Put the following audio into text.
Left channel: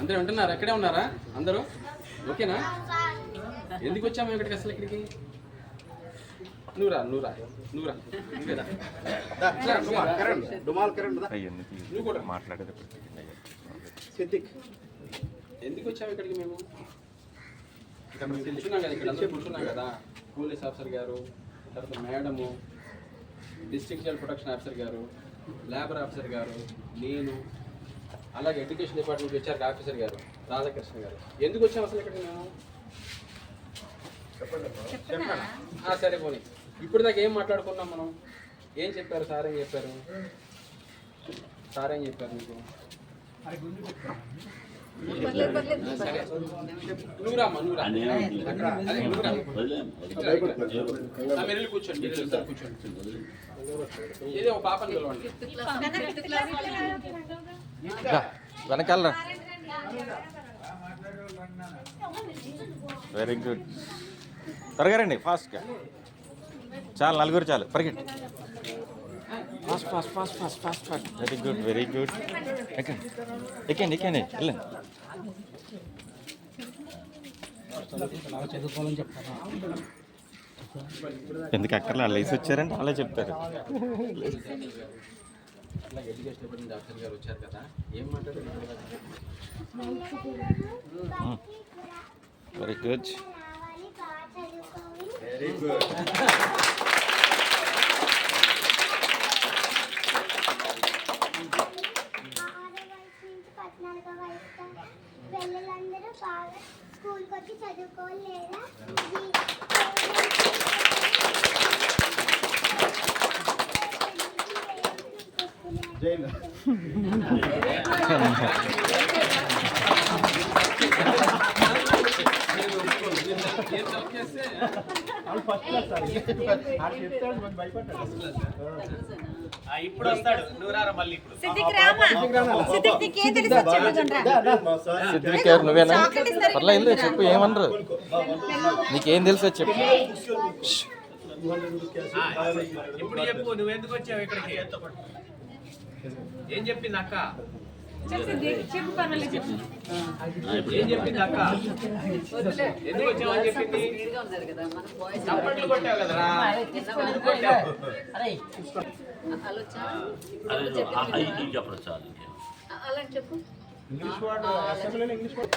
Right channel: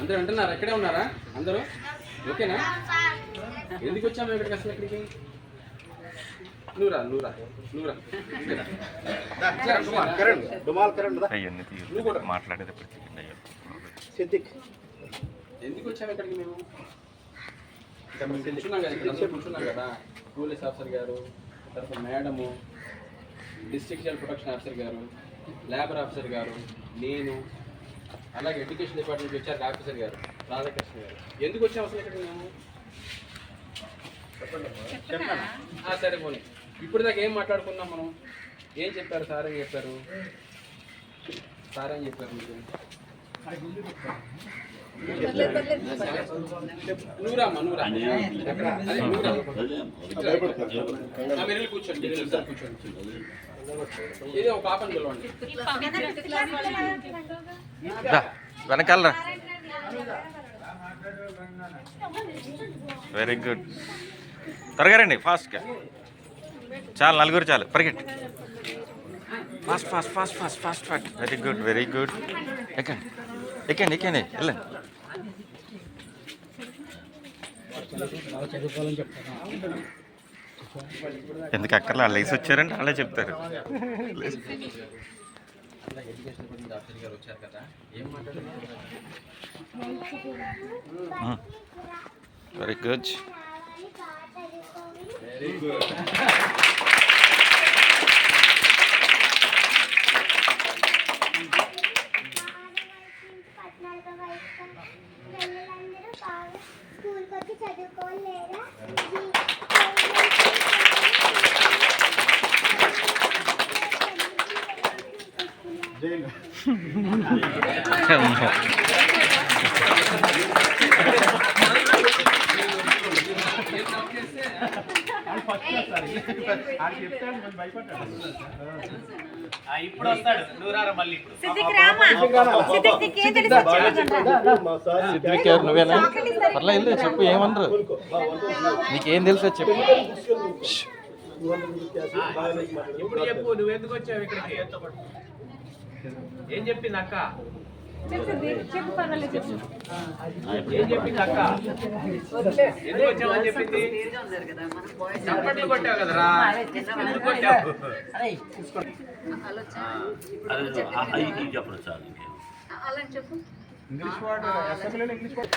అందరూ ఉంటున్నారా? అక్కడే ఉన్నారా అందరూ? ఓకేనా? ఎందుకు వచ్చాము ఇక్కడికి అసలు? ఇక్కడికి నూరా మాట్లాడేది ఎందుకు వచ్చాము ఇక్కడికి? మేము కూర్చున్నాం కదా, ఇక్కడ అందరూ కూర్చున్నాం కదా. పోలీస్ ఆఫీసర్ గారు, తర్వాత madam, district health protection officer గారు, లేబర్ ఆఫీసర్ గారు, నేను, అలాగే ఎడ్యుకేషన్ డిపార్ట్మెంట్ హెచ్ఆర్ ఆఫీసర్ గారు రాధాకృష్ణ గారు. ఎందుకు వచ్చాము అసలు ఇక్కడికి మేము? చెప్పండి. సరే పోనీ, ఇప్పుడు దాకా ఏం మాట్లాడుకున్నాం మనం? ఏం చెప్పారు? సార్ ఏం చెప్పారు? మీకు? నూరమ్మ కూర్చోండి. ఇదే ఒక పాపని పిలవండి. వెనకాల. Very good. త్వరగా రండి, ఫాస్ట్గా. చాలు, నలుగురు చాలు, పరిగెట్టి. ఫాస్ట్. Very good. ఎక్కండి వెళ్ళండి. చదువుకోవాలని చెప్తారా? ఎందుకు అక్కర్లా, వాళ్ళు వేసి వచ్చారంటే వాళ్ళే చెప్తారు. ఎడ్యుకేషన్ డిపార్ట్మెంట్ ఆఫీసర్ గారు వచ్చారు కదా, ఏం మాట్లాడారు? Very good. పిల్లలందరూ బాగా స్కూల్కి వచ్చి చదువుకోలేదా? ఇప్పుడు వస్తాడు నూరారా మళ్ళీ. సిద్దిక్ ఎవరు? నువ్వేనా? పర్లేదు, చెప్పు, ఏమన్నారు? నీకేం తెలుసో చెప్పు. ఇప్పుడు చెప్పు, నువ్వెందుకు వచ్చావు ఇక్కడికి? ఏం చెప్పింది అక్క? ఏం చెప్పింది అక్క? ఎందుకు వచ్చావని చెప్పింది? చప్పట్లు కొట్టావు కదరా, ఎందుకు కొట్టావు? చెప్పు. ఇంగ్లీష్ వర్డ్ అసెంబ్లీలో ఇంగ్లీష్ వర్డ్